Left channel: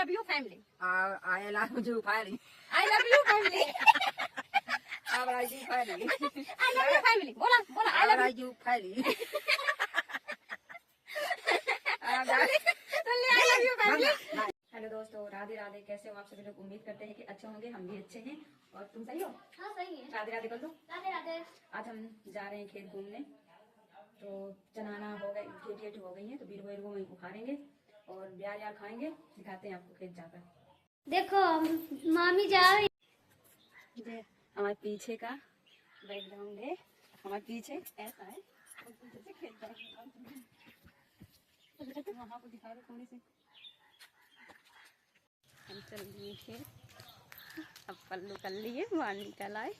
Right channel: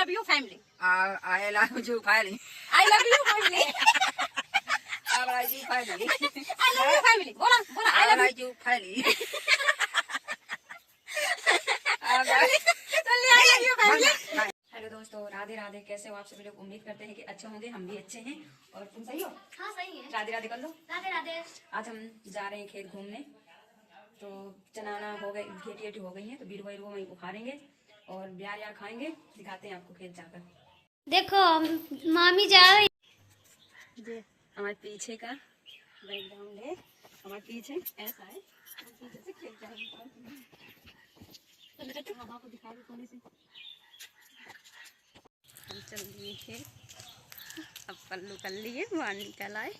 Love you family. I love you family. I love you family. I love you family. I love you family. बोला बोला I love you family. Hello दोस्तों, राधे राधे। कैसे हो आप सभी लोग? उम्मीद करते हैं कि अच्छे होंगे। हम भी अच्छे हैं। और तुम सही हो? हाँ सही है। राधे राधे कर लो। राधे राधे। आज हम जा रहे हैं खेत घूमने। तो चनाना हो गई, घेटी हो गई है, तो बीर को वहीं उखाड़ेंगे और ब्यार यार खाएंगे। दिखाते हैं आपको खेत जाकर। देखो मामी जा रही ये हमारे पीछे का बैकग्राउंड है। हमारे पीछे ऐसा है, और पीछे से खेत जाएंगे। तो मामा को दिखा दो थोड़ी सी। हम चल दिए खेत। अब पल्लू कर लिए, बाहर निकल आए।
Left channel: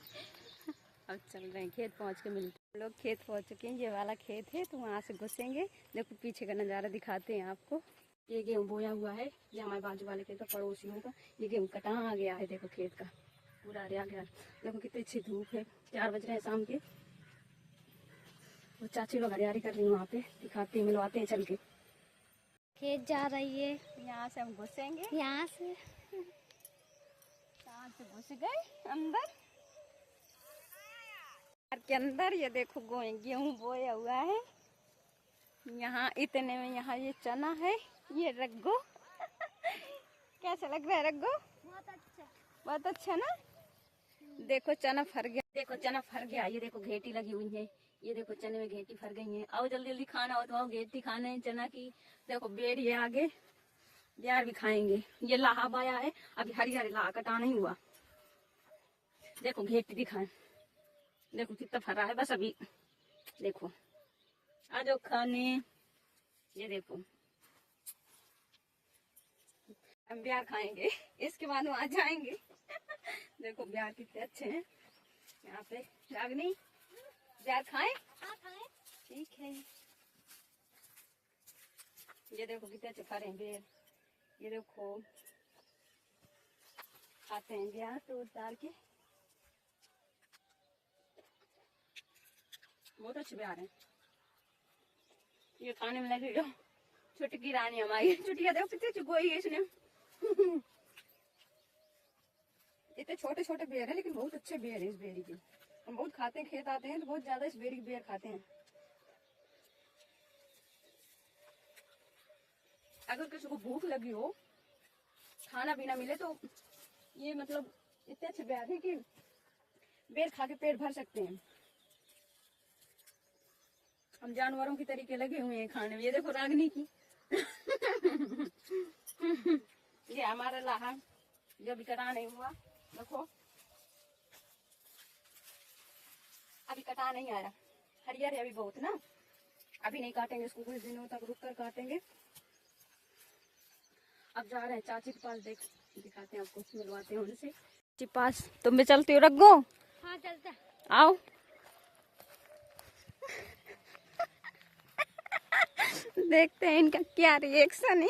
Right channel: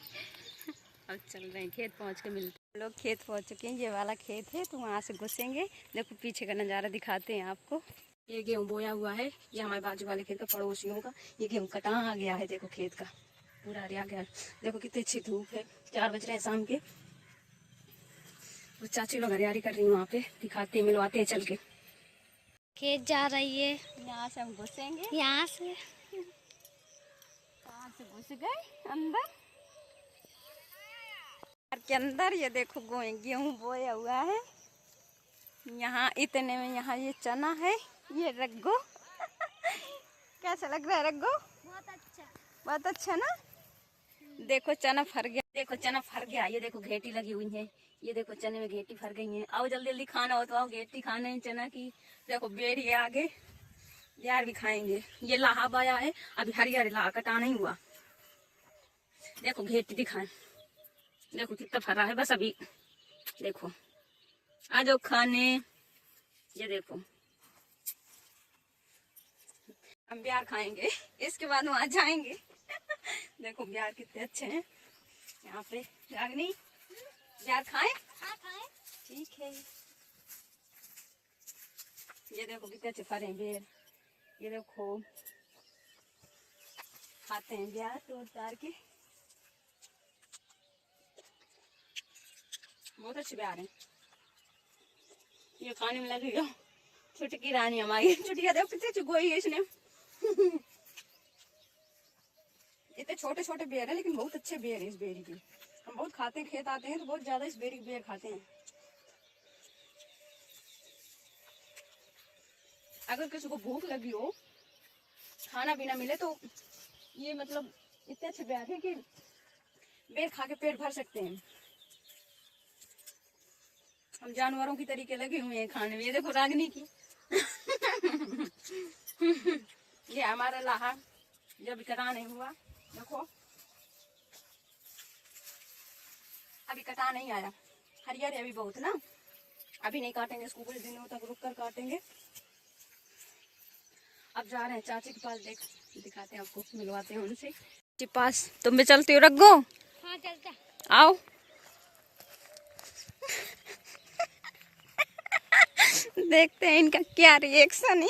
अब चल रहे हैं खेत। पहुंच के मिलते लोग। खेत पहुंच चुके हैं। ये वाला खेत है, तो वहाँ से घुसेंगे। देखो पीछे का नज़ारा दिखाते हैं आपको। ये गेहूँ बोया हुआ है। ये हमारे बाजू वाले खेत का, पड़ोसियों का। ये गेहूँ कटा आ गया है। देखो खेत का पूरा हरिया गया। देखो कितनी अच्छी धूप है। 4 बज रहे हैं शाम के। और चाची लोग हरियाली कर रही है वहाँ पे। दिखाते हैं, मिलवाते हैं चल के। खेत जा रही है। यहाँ से हम घुसेंगे। यहाँ से कहाँ से घुस गए अंदर के अंदर। ये देखो गेहूँ बोया हुआ है। यहाँ इतने में यहाँ ये चना है। ये रग्गो। कैसा लग रहा है रग्गो? बहुत अच्छा। बहुत अच्छा ना। देखो चना फर गया। देखो चना फर गया। ये देखो घेटी लगी हुई है। ये देखो चने में घेटी फर गई है। आओ जल्दी जल्दी खाना हो तो आओ, घेटी खाना है चना की। देखो बेड़ी है आगे, यार भी खाएंगे। ये लाहा बाया है, अभी हरियर लाहा कटा नहीं हुआ। देखो घेटी दिखाएं। देखो कितना फरा है। बस अभी देखो आ जाओ खाने। ये देखो हम ब्यार खाएंगे, इसके बाद वहां जाएंगे। देखो ब्यार कितने अच्छे हैं यहाँ पे। रागनी ब्यार खाएं? हाँ खाए। ठीक है। ये देखो कितने अच्छे फरे हैं बेर। ये देखो खाते हैं ब्यार तो उतार के। बहुत अच्छे ब्यार हैं। ये खाने में लगी हो। छुटकी रानी हमारी। छुटिया देखो कितने अच्छी गोई है इसने। इतने छोटे छोटे बेर है, लेकिन बहुत अच्छे बेर है इस बेरी के। हम बहुत खाते हैं, खेत आते हैं तो बहुत ज्यादा इस बेरी के बेर खाते हैं। अगर किसी को भूख लगी हो, खाना भी ना मिले, तो ये मतलब इतने अच्छे बेर है कि बेर खा के पेट भर सकते हैं। हम जानवरों की तरीके लगे हुए हैं खाने में। ये देखो रागनी की। ये हमारा लाहा जो भी कटा नहीं हुआ। देखो अभी कटा नहीं आया, हरियर है अभी बहुत ना। अभी नहीं काटेंगे इसको, कुछ दिनों तक रुक कर काटेंगे। अब जा रहे हैं चाची के पास। दिखाते हैं आपको, मिलवाते हैं उनसे। चाची पास तुम भी चलती हो रग्गो? हाँ चलता। आओ। देखते हैं इनका क्या रिएक्शन है।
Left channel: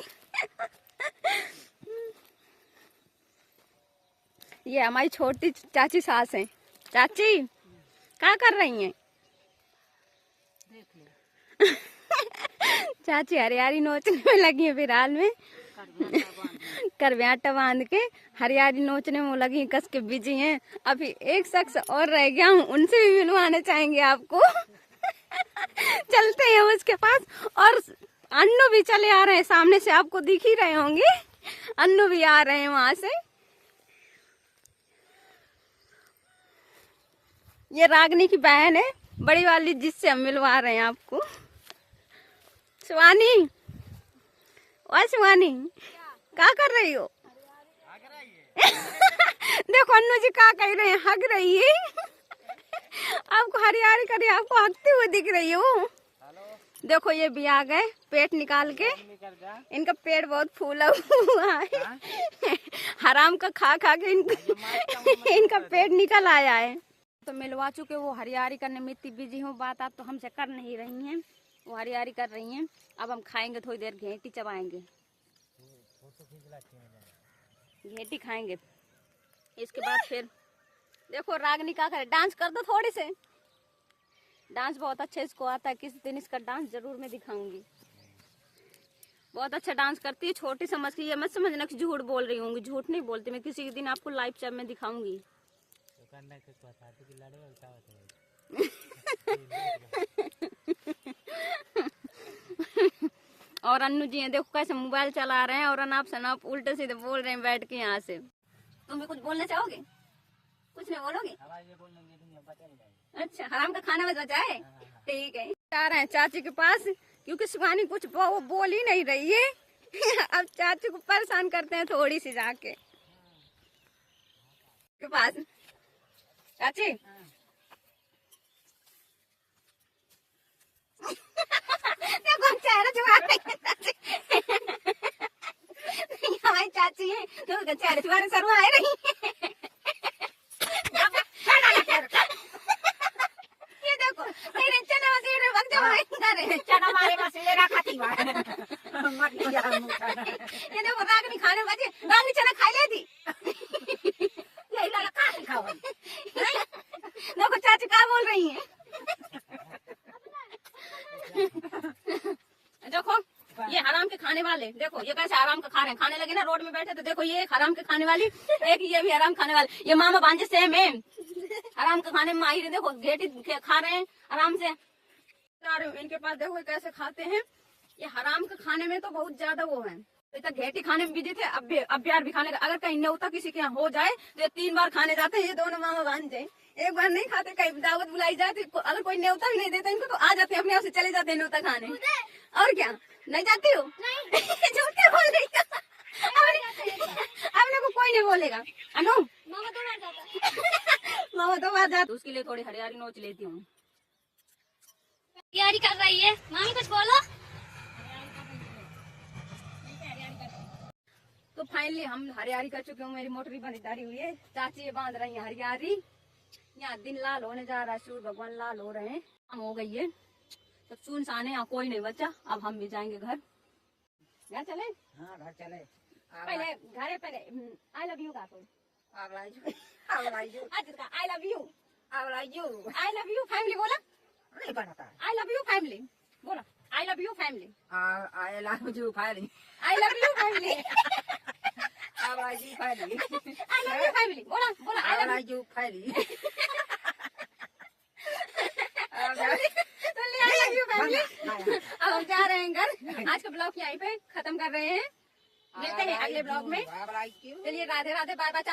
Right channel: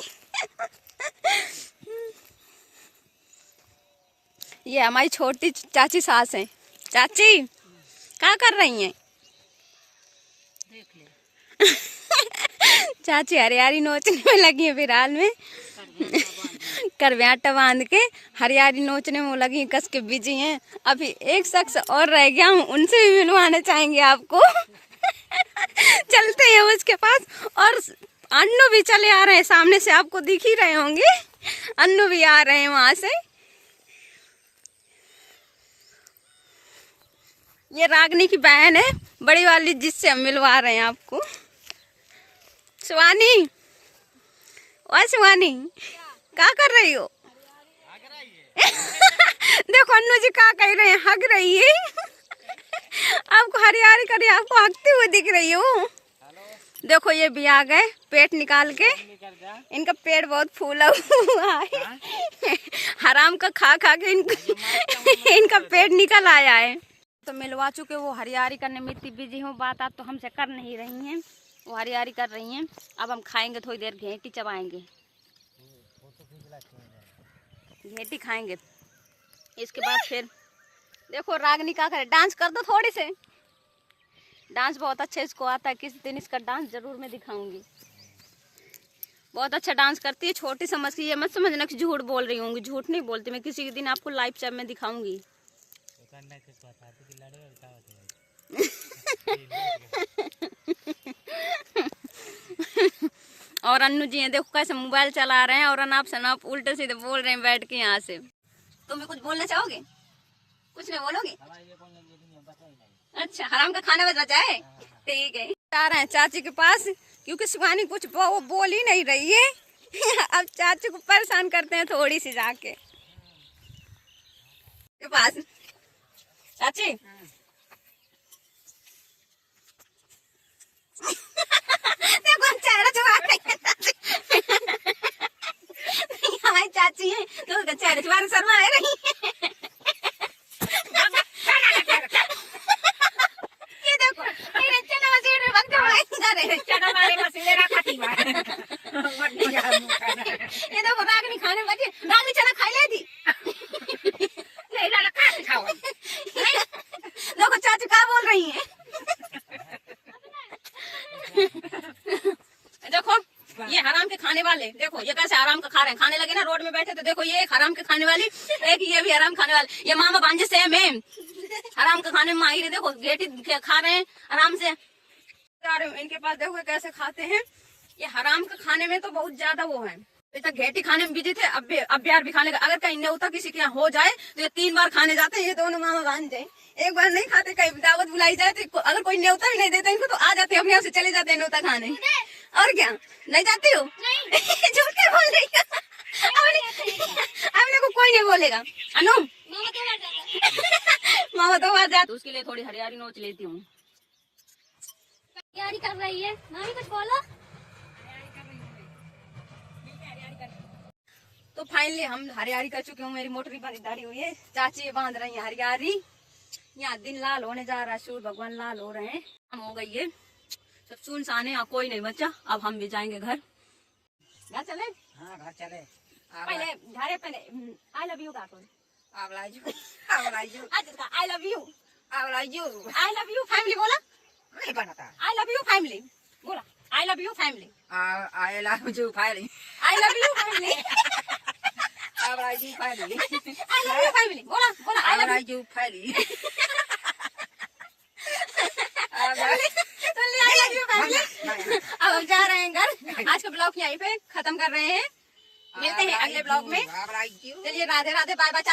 ये हमारी छोटी चाची सास है। चाची क्या कर रही हैं? देख ले। चाची हरियाली नोचने में लगी है फिलहाल में। करवे आटा बांध के हरियाली नोचने में लगी, कस के बिजी हैं। अभी एक शख्स और रह गया, हम उनसे भी मिलवाना चाहेंगे आपको। चलते हैं उसके पास। और अन्नू भी चले आ रहे हैं, सामने से आपको दिख ही रहे होंगे। अन्नू भी आ रहे हैं वहां से। ये रागनी की बहन है, बड़ी वाली, जिससे हम मिलवा रहे हैं आपको। शिवानी, और शिवानी क्या कर रही हो? देखो अन्नू जी क्या कह रहे हैं, हग रही है। आपको हरियाली करी, आपको हगते हुए दिख रही हो। देखो ये भी आ गए पेट निकाल के। इनका पेट बहुत फूला हुआ है। हराम का खा खा के इनका पेट निकल आया है। तो मिलवा चुके, वो हरियाली करने में इतनी बिजी हूँ, बात आप तो हमसे कर नहीं रही हैं। वो हरियाली कर रही हैं। अब हम खाएंगे थोड़ी देर, घेटी चबाएंगे, घेटी खाएंगे। इसके बाद फिर देखो रागनी क्या करे। डांस कर दो थोड़ी से। डांस बहुत अच्छे इसको आता है। किसी दिन इसका डांस जरूर मैं दिखाऊंगी। बहुत अच्छा डांस करती है, छोटी समझ के, ये मत समझना कि झूठ बोल रही हूँ, झूठ नहीं बोलती मैं। किसी के दिन आपको लाइव चैट में दिखाऊंगी। और अन्नू जी हैं, देखो कैसे मोबाइल चला रहे हैं, और अनाप शनाप उल्टे सीधे बोल रहे हैं बैठ के यहाँ से। तुम भी कुछ बोलना चाहोगे? कुछ नहीं बोलोगे? अच्छा, हराम का खाना बच जाए, ठीक है। जा रहे हैं चाची के पास, क्योंकि शिवानी कुछ वो बोल ही नहीं रही है। अब चाची को परेशान करते हैं थोड़ी सी जाके के पास। चाची देखो हम चेहरा छुपा रहे हैं। हमारी चाची है तो उसका चेहरा छुपा शर्मा आ रही है। ये देखो चना मसूर वक्त चना मारेगा मेरा खाती ये देखो रागनी खाने बचे, रागनी चना खा लेती। देखो चाची क्या बोल रही है। देखो ये हराम के खाने वाले, देखो ये कैसे हराम का खा रहे हैं। खाने लगे ना रोड में बैठे तो देखो ये एक हराम के खाने वाली, एक ये भी हराम खाने वाले। ये मामा भांजे सेम है, हराम का खाने में माहिर है। देखो गेटी खा रहे हैं आराम से। इनके पास देखो कैसे खाते हैं। ये हराम का खाने में तो बहुत ज्यादा वो है। इतना घेटी खाने में बिजी थे, अब यार भी खाने का। अगर कहीं न्योता किसी के यहाँ हो जाए तो ये 3 बार खाने जाते हैं। ये दोनों मामा भांजे एक बार नहीं खाते, कहीं दावत बुलाई जाए तो अगर कोई न्योता भी नहीं देता इनको तो आ जाते, अपने आप से चले जाते हैं न्योता खाने। और क्या नहीं जाती हो? झूठ क्या बोल रही है? अपने को कोई नहीं बोलेगा। अनु मामा तो बात जाते, उसके लिए थोड़ी हरियारी नोच लेती हूँ। तैयारी कर रही है मामी, कुछ बोलो। तो फाइनली हम हरियारी कर चुके हूँ, मेरी मोटरी बंदी हुई है। चाची ये बांध रही है हरियारी। यहाँ दिन लाल होने जा रहा है, सूर्य भगवान लाल हो रहे हैं। हम हो गई है सब सुनसान है, कोई नहीं बच्चा। अब हम भी जाएंगे घर। घर चले? हाँ घर चले। पहले घरे पहले आई लव यू काटो। I love you I love you I love you I love you family बोला। नहीं बनता। आई लव यू फैमिली बोला। I love you family. I love you family. I love you family. I love you family. I love you family बोला बोला। I love you family. अब जा रहे हैं घर। आज का ब्लॉग यहीं पे खत्म कर रहे हैं। मिलते हैं अगले ब्लॉग में। चलिए राधे राधे, बाय बाय।